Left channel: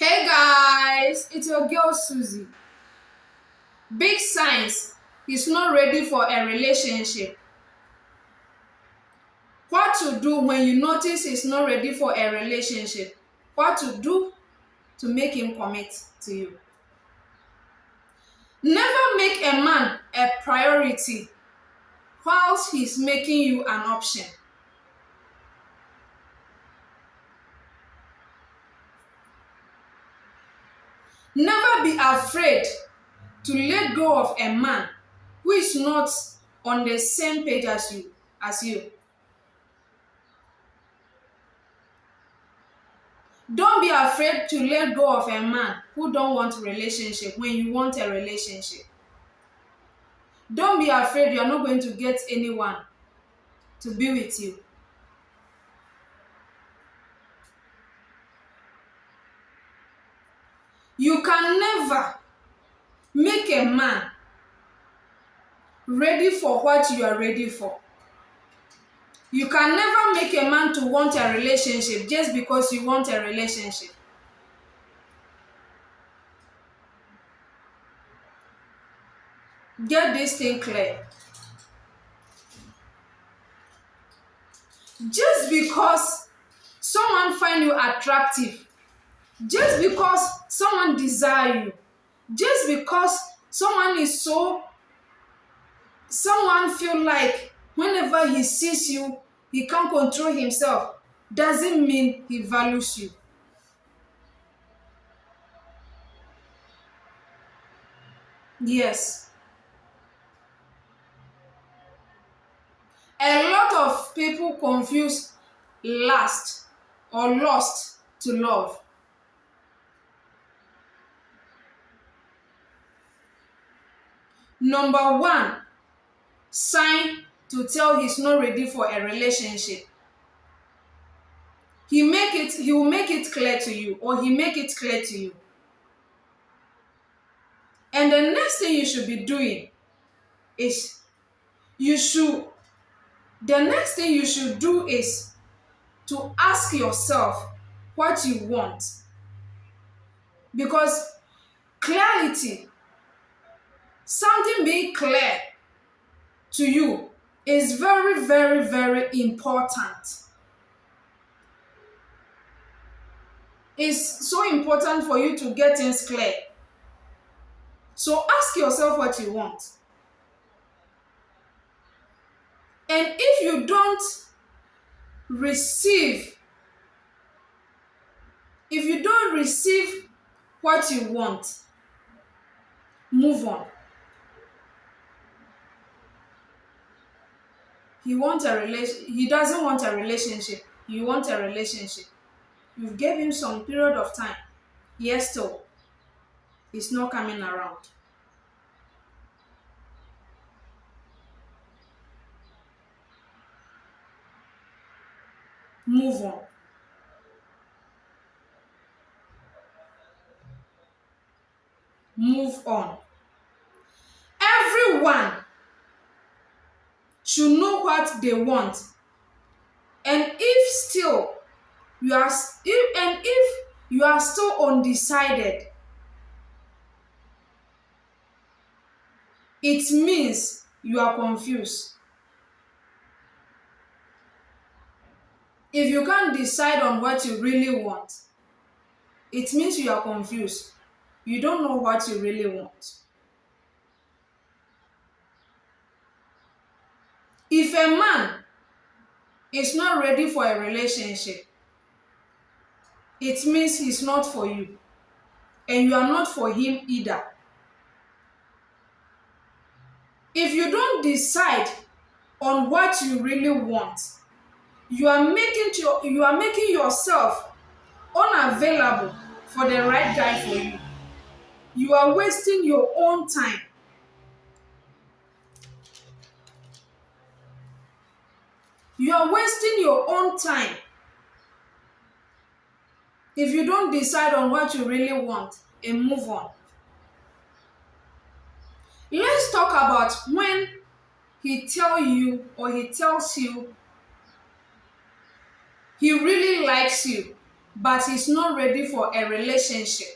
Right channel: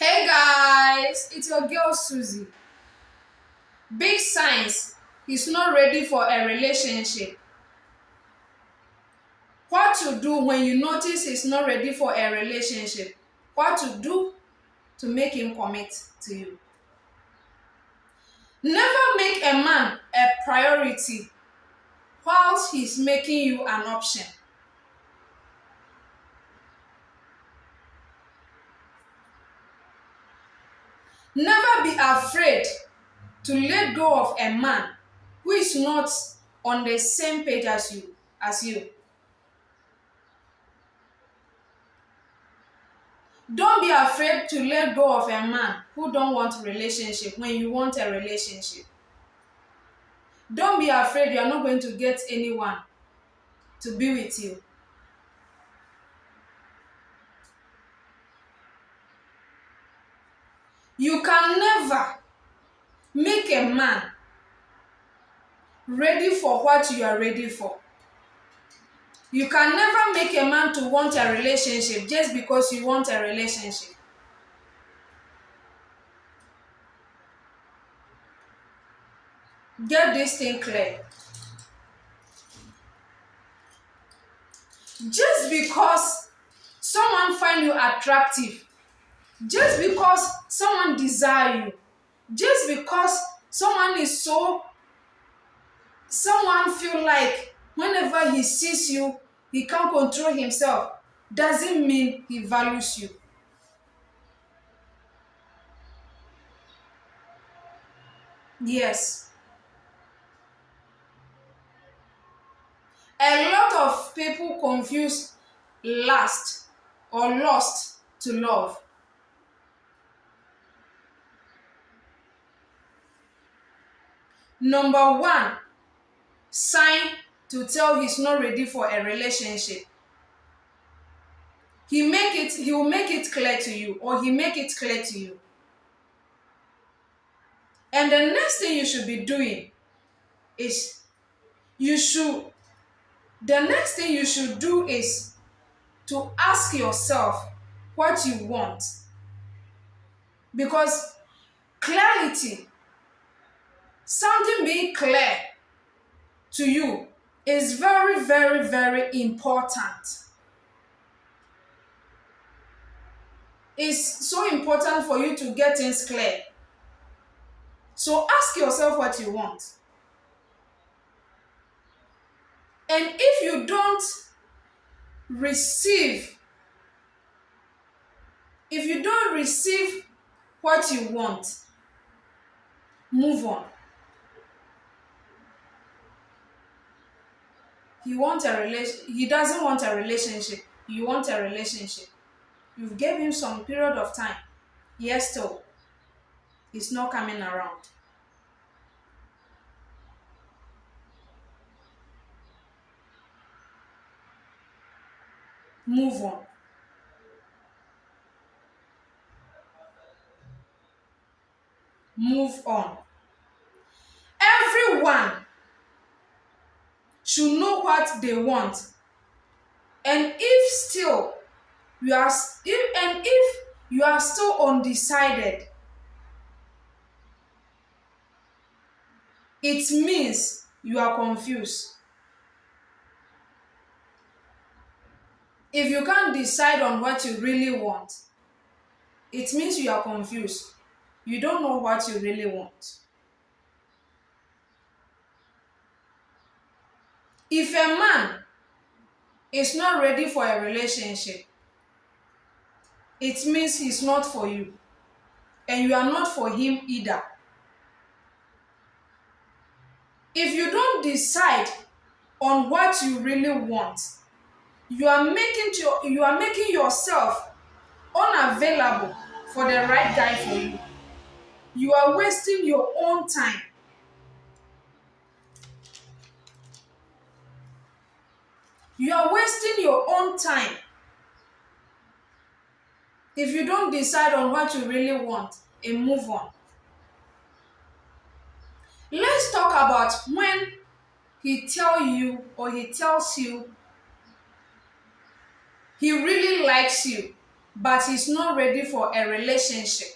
Hey guys, it's your girl Suzie. Big signs he's not ready for a relationship. What to do when you notice he's not ready for a relationship? What to do to make him commit to you? Never make a man a priority whilst he's making you an option. Never be afraid to let go of a man who is not on the same page as you. Don't be afraid to let go of a man who don't want a relationship when you want a relationship. Don't be afraid you are not going to get anyone to be with you. You can never make a man ready for what you are ready for. You can never make a man to want a relationship just because you want a relationship. Get this thing clear. Just because someone find you attractive, just because someone desire you, just because someone feel like whenever he sees you, he can't control himself, doesn't mean he values you. Yes. A lot of people confuse lust or lust to love. Number one sign to tell he's not ready for a relationship. He will make it clear to you, or he make it clear to you. And the next thing you should be doing is the next thing you should do is to ask yourself what you want. Because clarity, something being clear to you, is very, very, very important. It's so important for you to get things clear. So ask yourself what you want. And if you don't receive what you want, move on. He doesn't want a relationship. You want a relationship. You've gave him some period of time. Yes, still, it's not coming around. Move on. Move on. Everyone should know what they want. And if you are still undecided, it means you are confused. If you can't decide on what you really want, it means you are confused. You don't know what you really want. If a man is not ready for a relationship, it means he's not for you. And you are not for him either. If you don't decide on what you really want, you are making yourself unavailable for the right guy for you. You are wasting your own time. You are wasting your own time if you don't decide on what you really want and move on. Let's talk about when he tells you he really likes you, but he's not ready for a relationship.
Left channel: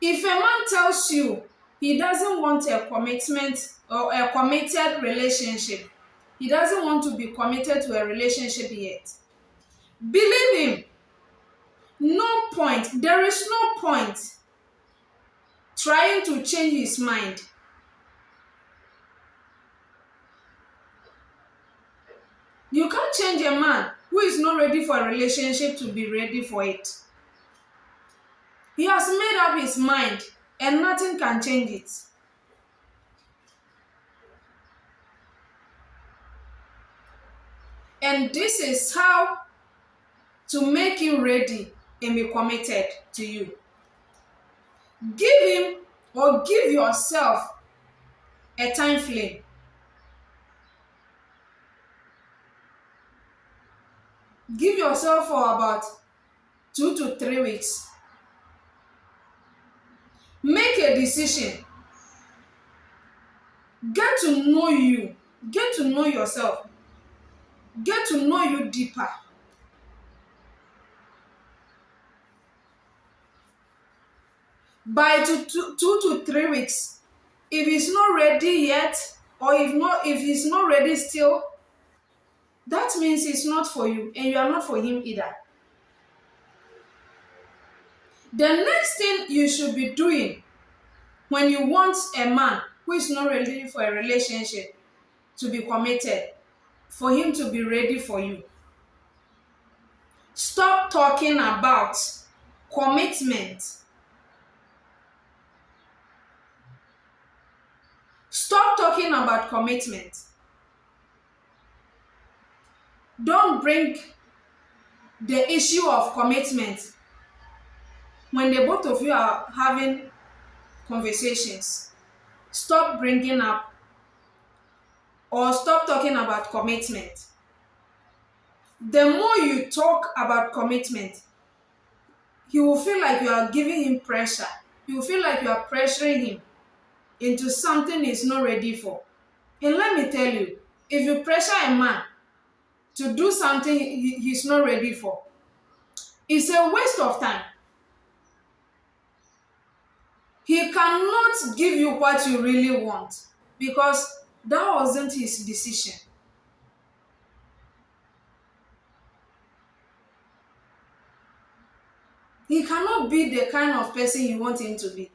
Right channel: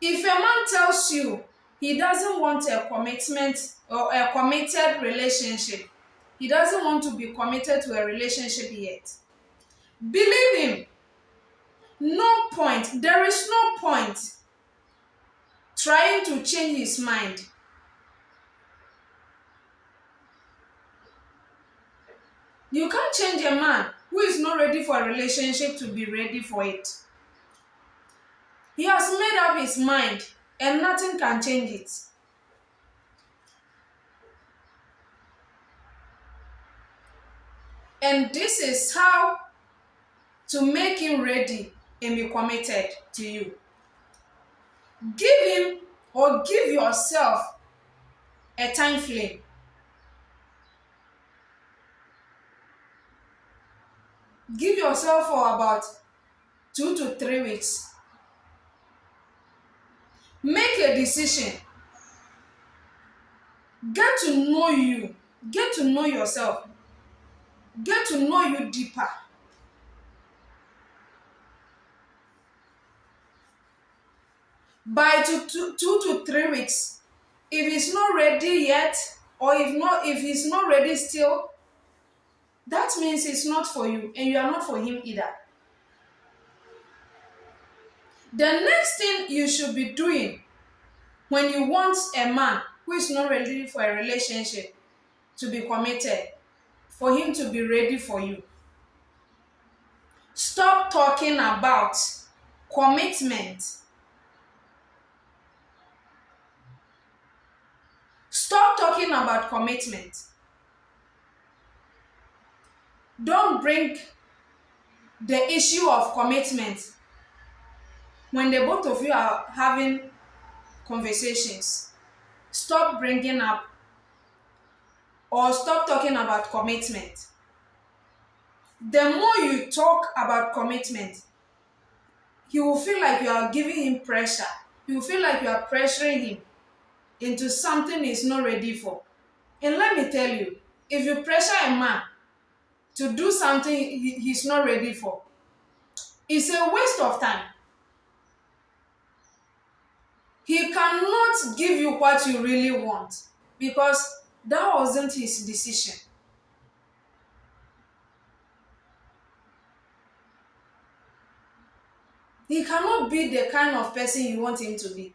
If a man tells you he doesn't want a commitment or a committed relationship, he doesn't want to be committed to a relationship yet, believe him. No point, there is no point trying to change his mind. You can't change a man who is not ready for a relationship to be ready for it. He has made up his mind and nothing can change it. And this is how to make him ready and be committed to you. Give him or give yourself a time frame. Give yourself for about 2 to 3 weeks. Make a decision. Get to know you. Get to know yourself. Get to know you deeper. By 2 to 3 weeks, if he's not ready yet, or if he's not ready still, that means it's not for you and you are not for him either. The next thing you should be doing when you want a man who is not ready for a relationship to be committed, for him to be ready for you, stop talking about commitment. Stop talking about commitment. Don't bring the issue of commitment when the both of you are having conversations. Stop bringing up or stop talking about commitment. The more you talk about commitment, he will feel like you are giving him pressure. He will feel like you are pressuring him into something he's not ready for. And let me tell you, if you pressure a man to do something he's not ready for, it's a waste of time. He cannot give you what you really want because that wasn't his decision. He cannot be the kind of person you want him to be.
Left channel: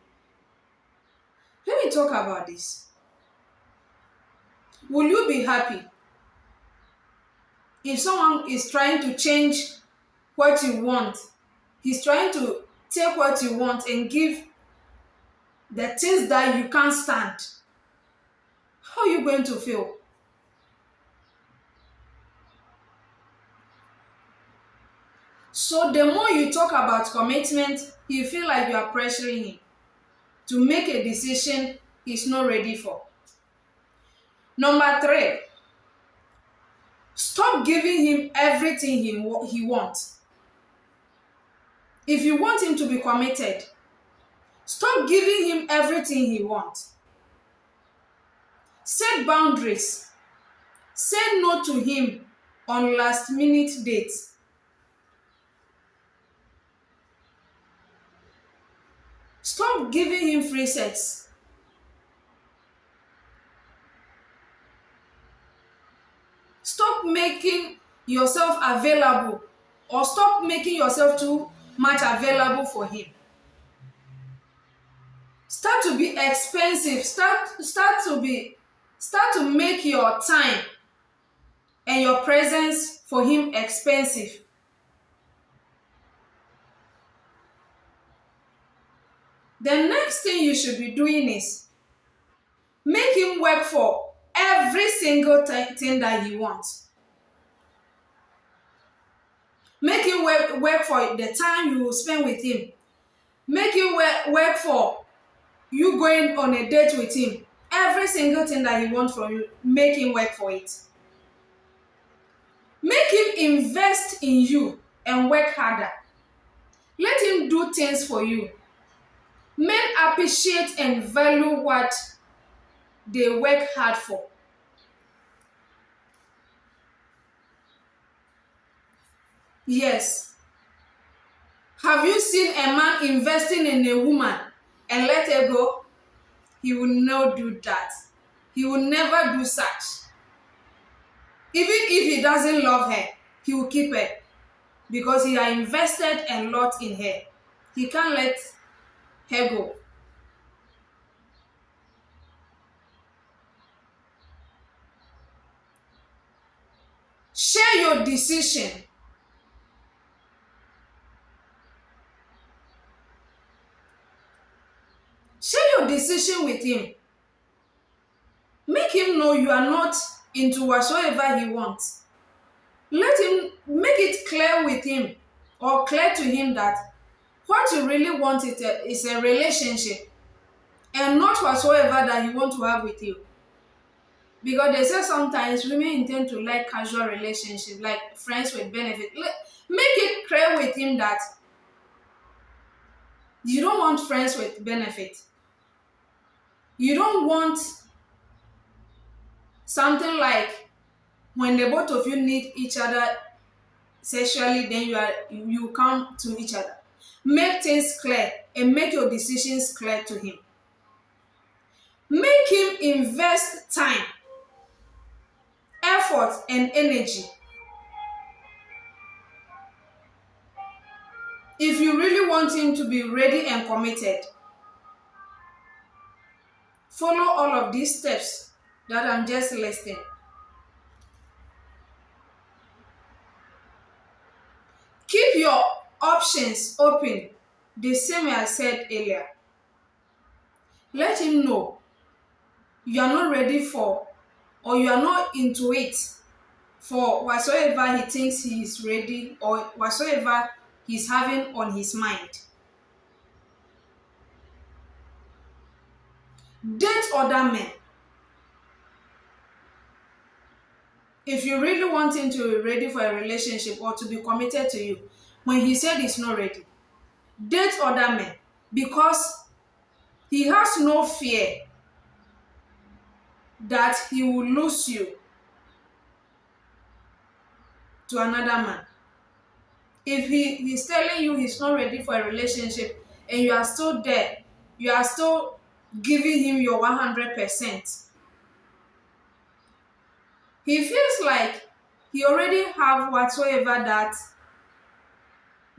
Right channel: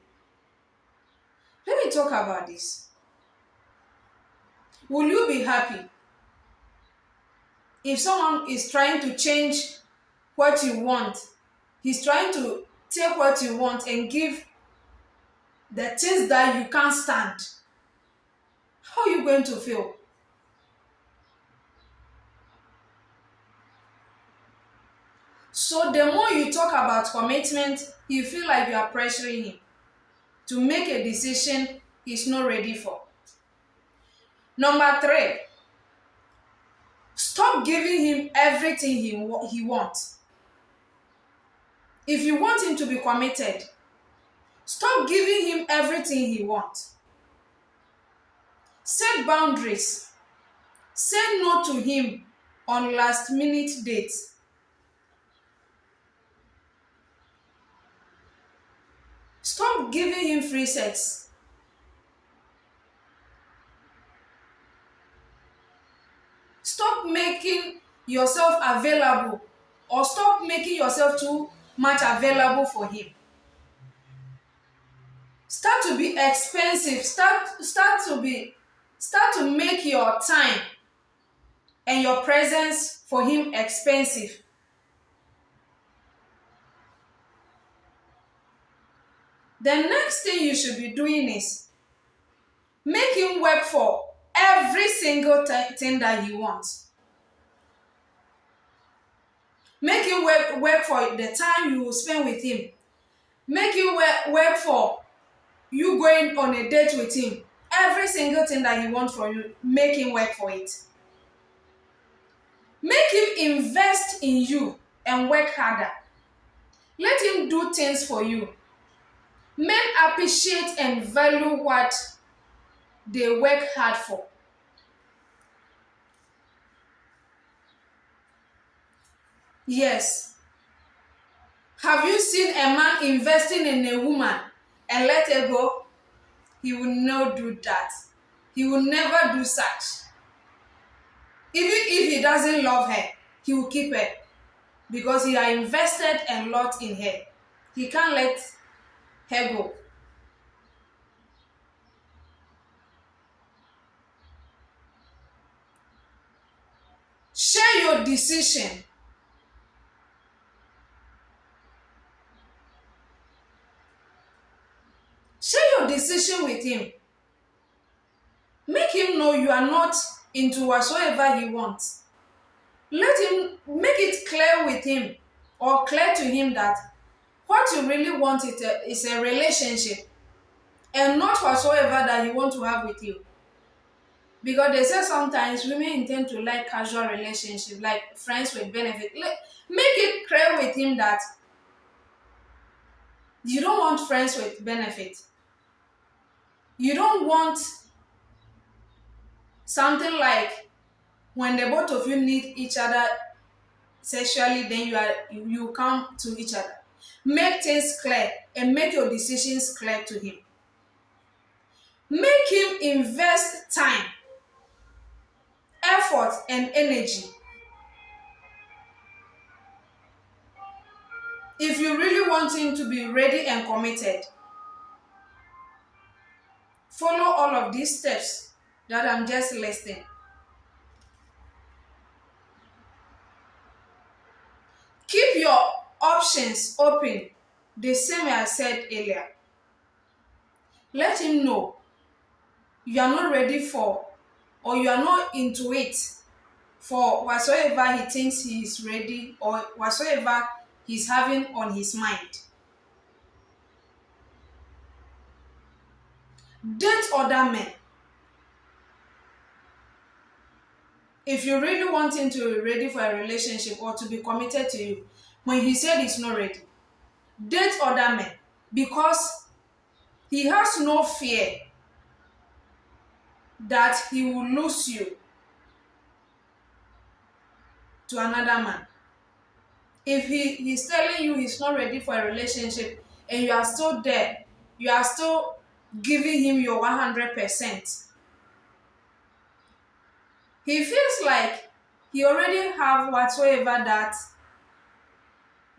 Let me talk about this. Will you be happy if someone is trying to change what you want? He's trying to take what you want and give the things that you can't stand. How are you going to feel? So the more you talk about commitment, you feel like you are pressuring him to make a decision he's not ready for. Number 3, stop giving him everything he wants. If you want him to be committed, stop giving him everything he wants. Set boundaries. Say no to him on last-minute dates. Stop giving him free sex. Stop making yourself available or stop making yourself too much available for him. Start to be expensive. Start to make your time and your presence for him expensive. The next thing you should be doing is make him work for every single thing that he wants. Make him work for the time you will spend with him. Make him work for you going on a date with him. Every single thing that he wants from you, make him work for it. Make him invest in you and work harder. Let him do things for you. Men appreciate and value what they work hard for. Yes. Have you seen a man investing in a woman and let her go? He will not do that. He will never do such. Even if he doesn't love her, he will keep her because he has invested a lot in her. He can't let her go. Share your decision. Share your decision with him. Make him know you are not into whatsoever he wants. Let him make it clear with him or clear to him that what you really want is a relationship and not whatsoever that he want to have with you. Because they say sometimes women intend to like casual relationship, like friends with benefit. Make it clear with him that you don't want friends with benefit. You don't want something like when the both of you need each other sexually, then you come to each other. Make things clear and make your decisions clear to him. Make him invest time, effort, and energy. If you really want him to be ready and committed, follow all of these steps that I'm just listing. Keep your options open, the same way I said earlier. Let him know you are not ready for or you are not into it for whatsoever he thinks he is ready or whatsoever he's having on his mind. Date other men. If you really want him to be ready for a relationship or to be committed to you, when he said he's not ready, date other men because he has no fear that he will lose you to another man. If he's telling you he's not ready for a relationship and you are still there, you are still giving him your 100%, he feels like he already have whatsoever that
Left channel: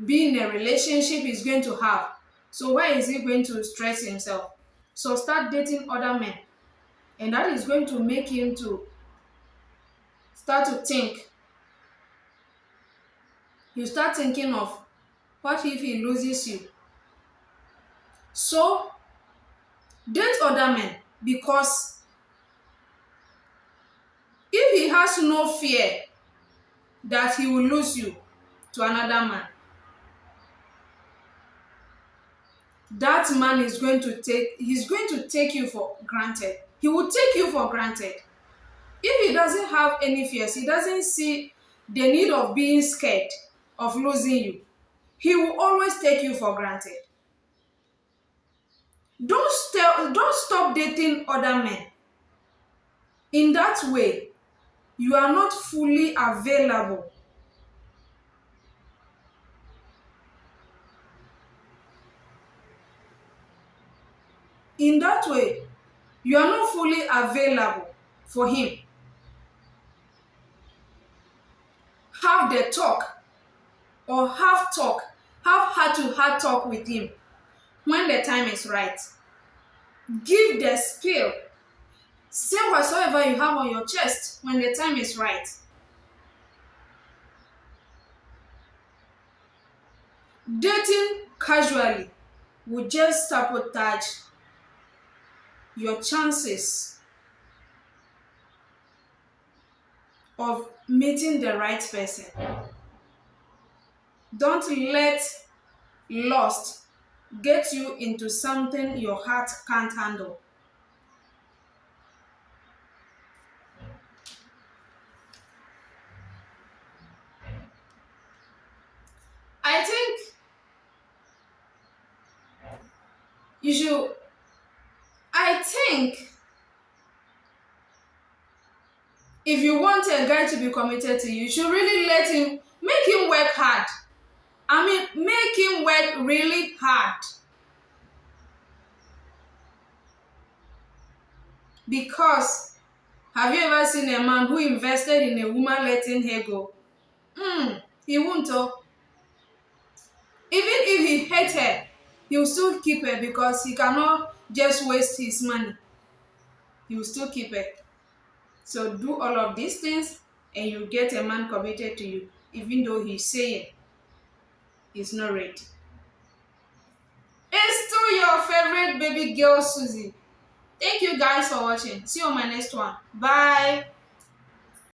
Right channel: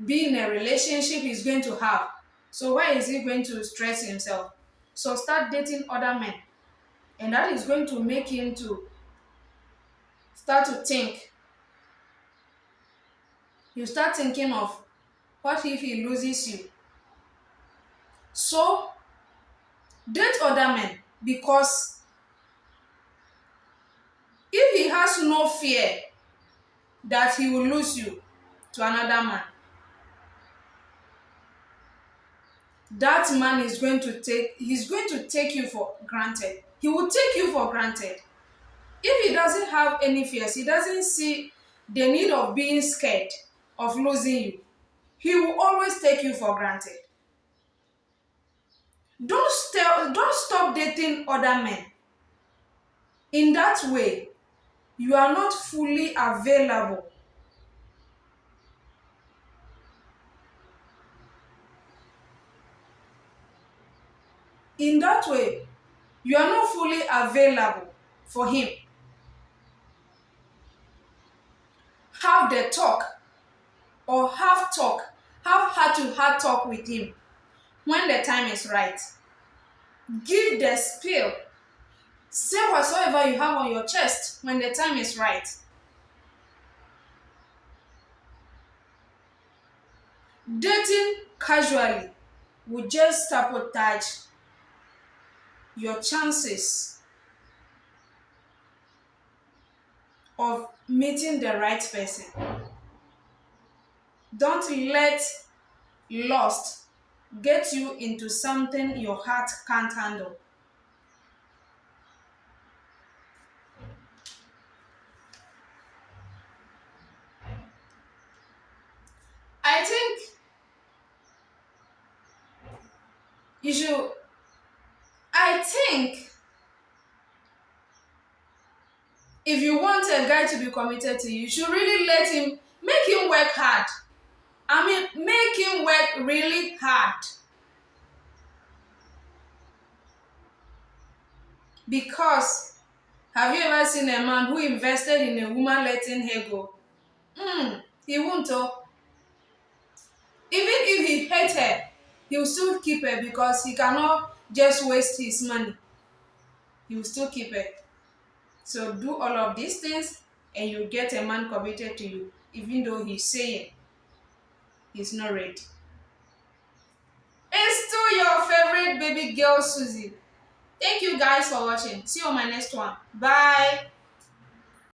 being in a relationship is going to have. So why is he going to stress himself? So start dating other men. And that is going to make him to start to think. You start thinking of what if he loses you? So date other men because if he has no fear that he will lose you to another man, that man is going to take you for granted. He will take you for granted. If he doesn't have any fears, he doesn't see the need of being scared of losing you, he will always take you for granted. Don't stop dating other men. In that way, you are not fully available. In that way, you are not fully available for him. Have the talk or have heart-to-heart talk with him when the time is right. Give the spill. Say whatsoever you have on your chest when the time is right. Dating casually will just sabotage your chances of meeting the right person. Don't let lust get you into something your heart can't handle. I think you should, I think if you want a guy to be committed to you, you should really let him Make him work hard. I mean, make him work really hard. Because have you ever seen a man who invested in a woman letting her go? He won't. Oh. Even if he hates her, he will still keep her because he cannot just waste his money. He will still keep her. So do all of these things and you get a man committed to you, even though he's saying he's not ready. It's still your favorite baby girl, Suzie. Thank you guys for watching. See you on my next one. Bye.